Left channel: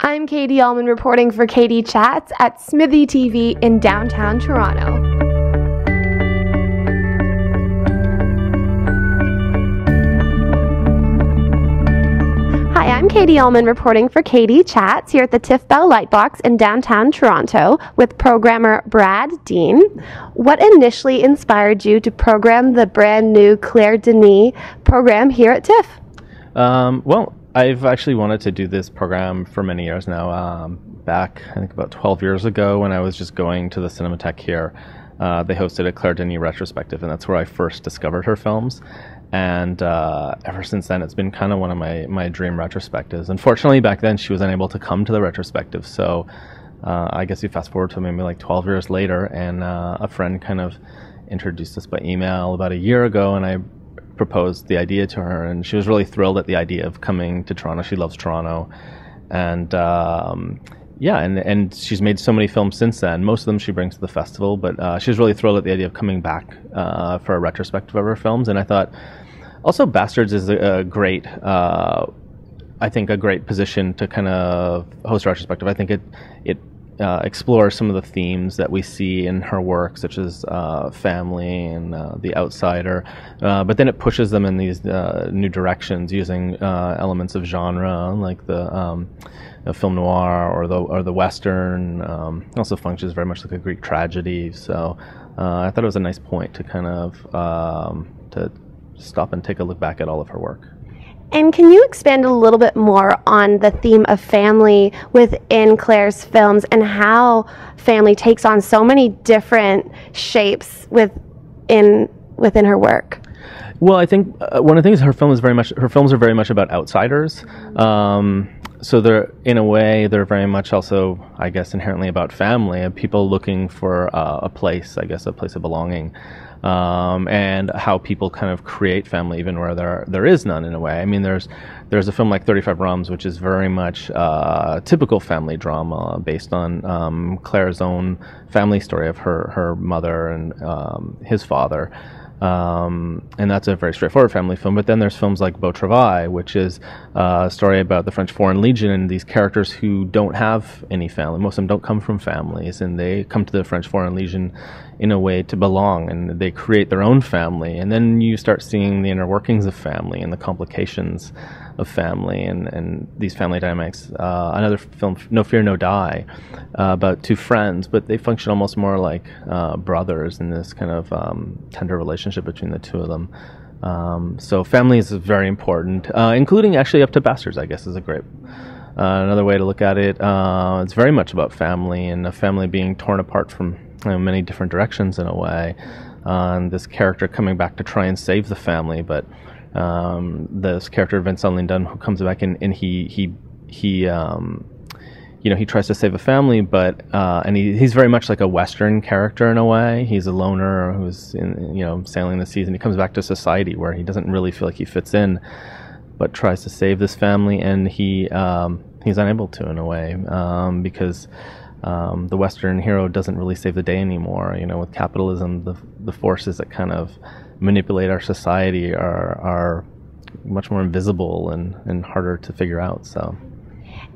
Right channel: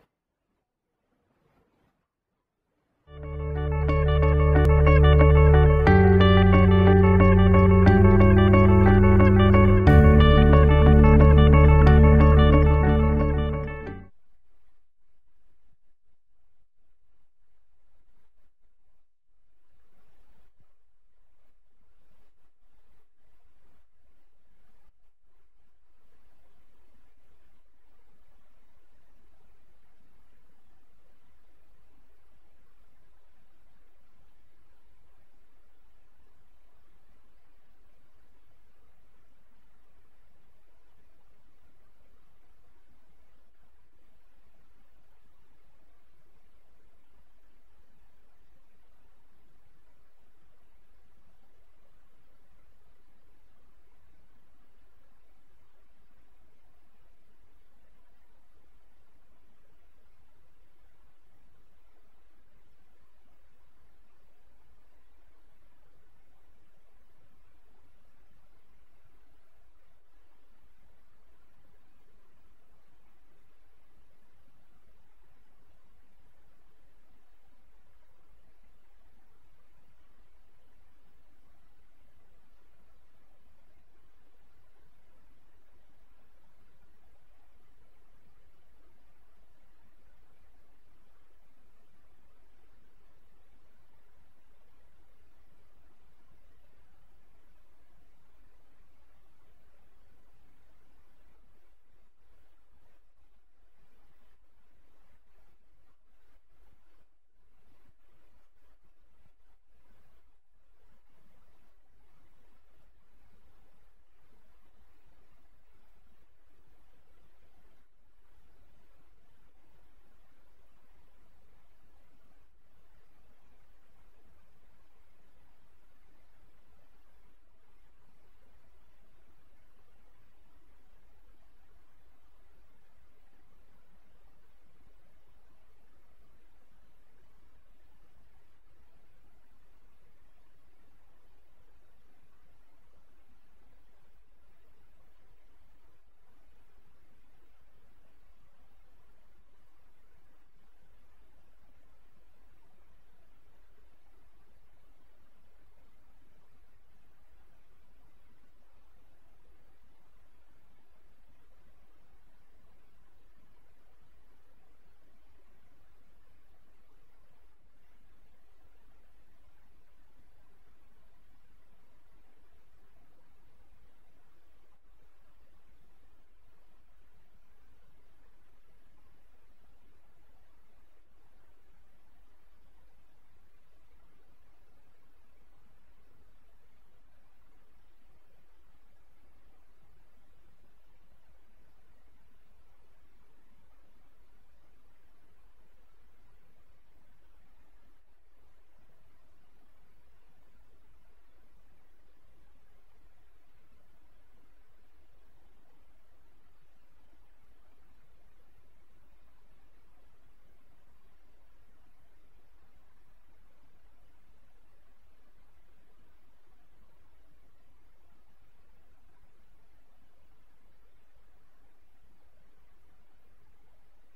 I'm Katie Uhlmann reporting for CHATS at Smithy TV in downtown Toronto. Hi, I'm Katie Uhlmann reporting for CHATS here at the Tiff Bell Lightbox in downtown Toronto with programmer DEANE. What initially inspired you to program the brand new Claire Denis program here at Tiff? Well, I've actually wanted to do this program for many years now. Back, I think about 12 years ago when I was just going to the Cinematheque here, they hosted a Claire Denis retrospective, and that's where I first discovered her films. And ever since then, it's been kind of one of my dream retrospectives. Unfortunately, back then, she was unable to come to the retrospective, so I guess you fast forward to maybe like 12 years later, and a friend kind of introduced us by email about a year ago, and I proposed the idea to her, and she was really thrilled at the idea of coming to Toronto. She loves Toronto, and yeah, and she's made so many films since then. Most of them she brings to the festival, but she was really thrilled at the idea of coming back for a retrospective of her films. And I thought also Bastards is a great, I think a great position to kind of host a retrospective. I think it explores some of the themes that we see in her work, such as family and the outsider, but then it pushes them in these new directions using elements of genre, like the film noir or the western. Also functions very much like a Greek tragedy. So I thought it was a nice point to kind of to stop and take a look back at all of her work. And can you expand a little bit more on the theme of family within Claire's films and how family takes on so many different shapes within her work? Well, I think one of the things her films are very much about outsiders. So they're, in a way, they're very much also, I guess, inherently about family and people looking for a place, I guess, a place of belonging. And how people kind of create family even where there is none, in a way. I mean, there's a film like 35 Rums, which is very much typical family drama based on Claire's own family story of her mother and his father. And that's a very straightforward family film. But then there's films like Beau Travail, which is a story about the French Foreign Legion and these characters who don't have any family. Most of them don't come from families, and they come to the French Foreign Legion in a way to belong, and they create their own family. And then you start seeing the inner workings of family and the complications of family and these family dynamics. Another film, No Fear, No Die, about two friends, but they function almost more like brothers in this kind of tender relationship between the two of them. So family is very important, including actually up to Bastards, I guess, is a great another way to look at it. It's very much about family and a family being torn apart from many different directions in a way. This character coming back to try and save the family, but this character Vincent Lindon, who comes back and he tries to save a family, but and he's very much like a Western character in a way. He's a loner who's sailing the seas, and he comes back to society where he doesn't really feel like he fits in, but tries to save this family, and he's unable to, in a way, because the Western hero doesn't really save the day anymore. With capitalism, the forces that kind of manipulate our society are much more invisible and harder to figure out. So.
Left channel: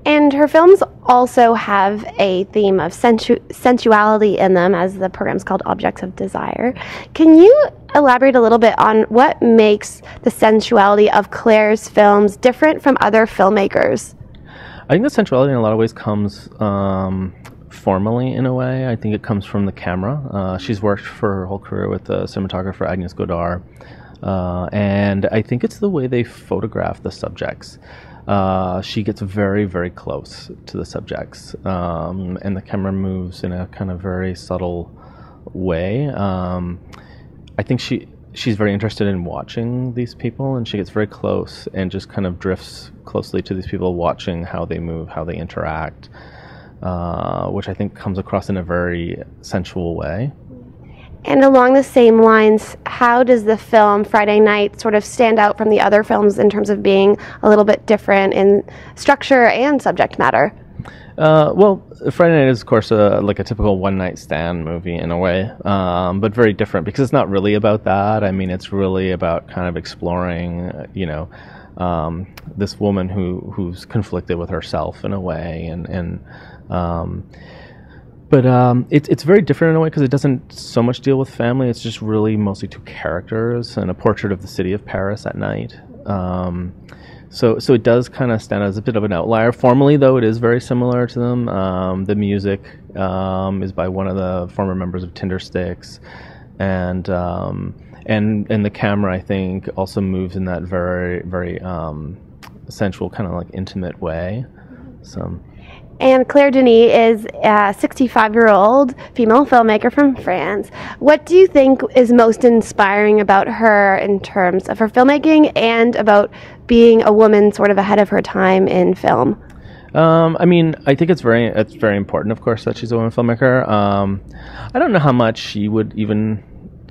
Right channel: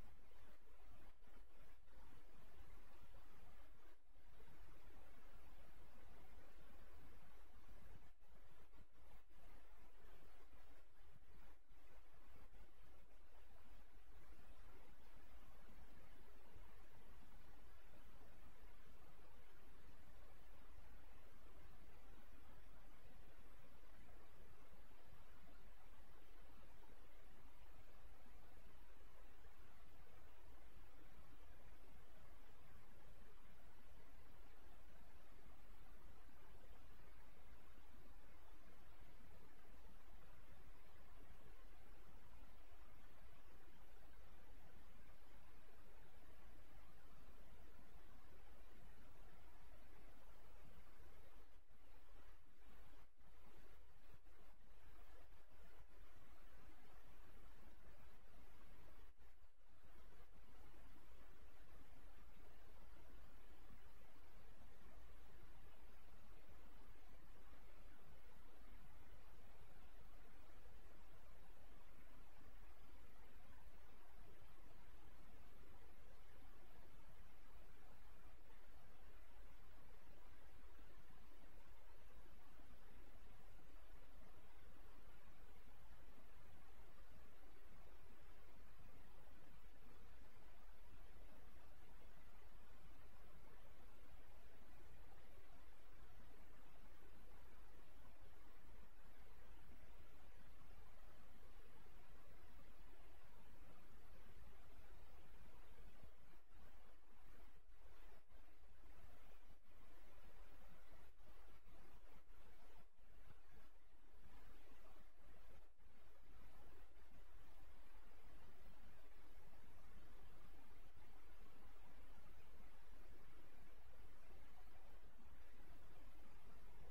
And her films also have a theme of sensuality in them, as the program's called Objects of Desire. Can you elaborate a little bit on what makes the sensuality of Claire's films different from other filmmakers? I think the sensuality in a lot of ways comes formally, in a way. I think it comes from the camera. She's worked for her whole career with the cinematographer Agnes Godard, and I think it's the way they photograph the subjects. She gets very, very close to the subjects, and the camera moves in a kind of very subtle way. I think she's very interested in watching these people, and she gets very close and just kind of drifts closely to these people, watching how they move, how they interact, which I think comes across in a very sensual way. And along the same lines, how does the film Friday Night sort of stand out from the other films in terms of being a little bit different in structure and subject matter? Well, Friday Night is, of course, like a typical one-night stand movie in a way, but very different because it's not really about that. I mean, it's really about kind of exploring, this woman who's conflicted with herself in a way, but it's very different in a way because it doesn't so much deal with family. It's just really mostly two characters and a portrait of the city of Paris at night. So it does kind of stand out as a bit of an outlier. Formally, though, it is very similar to them. The music is by one of the former members of Tindersticks, and the camera, I think, also moves in that very, very sensual, kind of like intimate way. So. And Claire Denis is a 65-year-old female filmmaker from France. What do you think is most inspiring about her in terms of her filmmaking and about being a woman sort of ahead of her time in film? I mean, I think it's very important, of course, that she's a woman filmmaker. I don't know how much she would even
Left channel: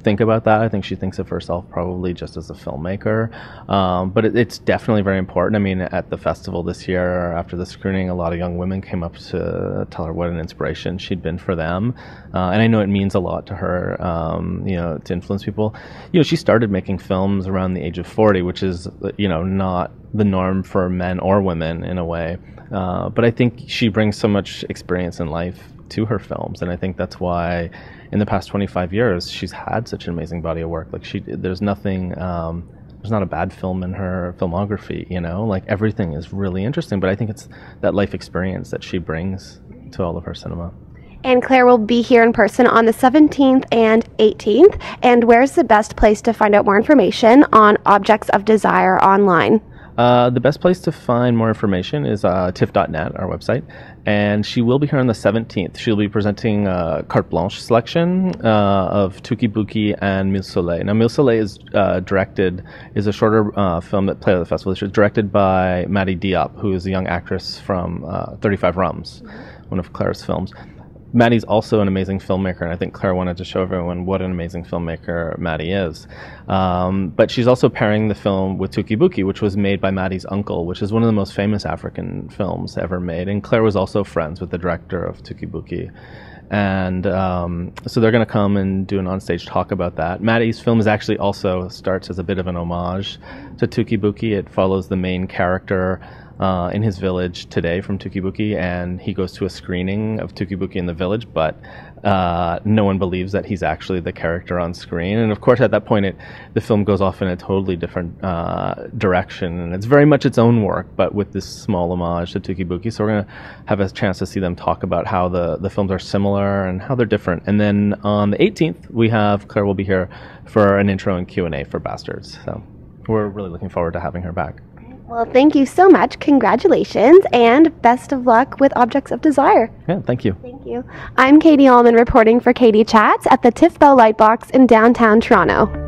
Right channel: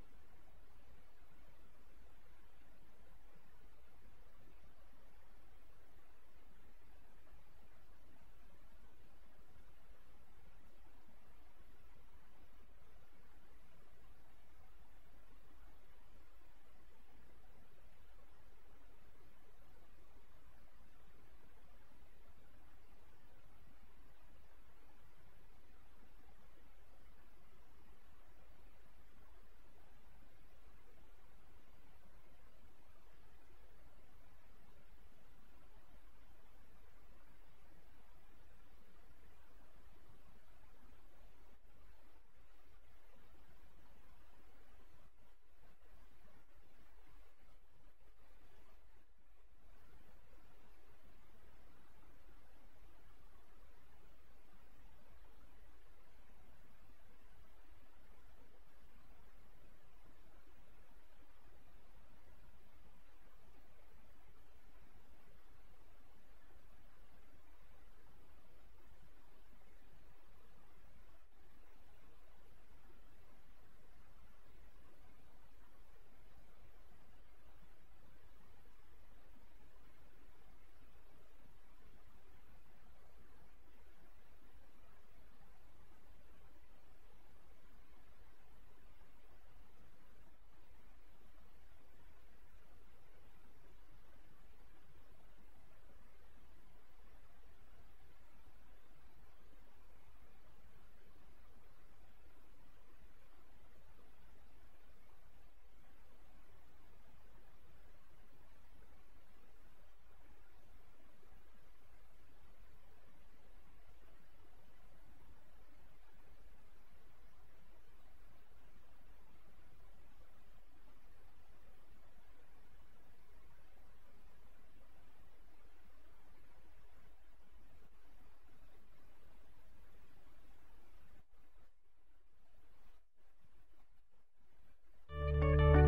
think about that. I think she thinks of herself probably just as a filmmaker, but it's definitely very important. I mean, at the festival this year, after the screening, a lot of young women came up to tell her what an inspiration she'd been for them, and I know it means a lot to her, to influence people. She started making films around the age of 40, which is, not the norm for men or women in a way, but I think she brings so much experience in life to her films, and I think that's why in the past 25 years she's had such an amazing body of work. Like there's nothing, there's not a bad film in her filmography, like everything is really interesting, but I think it's that life experience that she brings to all of her cinema. And Claire will be here in person on the 17th and 18th, and where's the best place to find out more information on Objects of Desire online? The best place to find more information is tiff.net, our website, and she will be here on the 17th. She'll be presenting a carte blanche selection of Tuki Buki and Mille Soleil. Now, Mille Soleil is a shorter film that played at the festival. It's directed by Maddie Diop, who is a young actress from 35 Rums, one of Claire's films. Maddie's also an amazing filmmaker, and I think Claire wanted to show everyone what an amazing filmmaker Maddie is. But she's also pairing the film with Tuki Buki, which was made by Maddie's uncle, which is one of the most famous African films ever made. And Claire was also friends with the director of Tuki Buki. And so they're going to come and do an onstage talk about that. Maddie's film actually also starts as a bit of an homage to Tuki Buki. It follows the main character in his village today from Tuki Buki, and he goes to a screening of Tuki Buki in the village, but no one believes that he's actually the character on screen. And of course, at that point, the film goes off in a totally different direction, and it's very much its own work, but with this small homage to Tuki Buki. So we're going to have a chance to see them talk about how the films are similar and how they're different. And then on the 18th, Claire will be here for an intro and Q&A for Bastards. So we're really looking forward to having her back. Well, thank you so much. Congratulations, and best of luck with Objects of Desire. Yeah, thank you. Thank you. I'm Katie Uhlmann reporting for Katie Chats at the Tiff Bell Lightbox in downtown Toronto.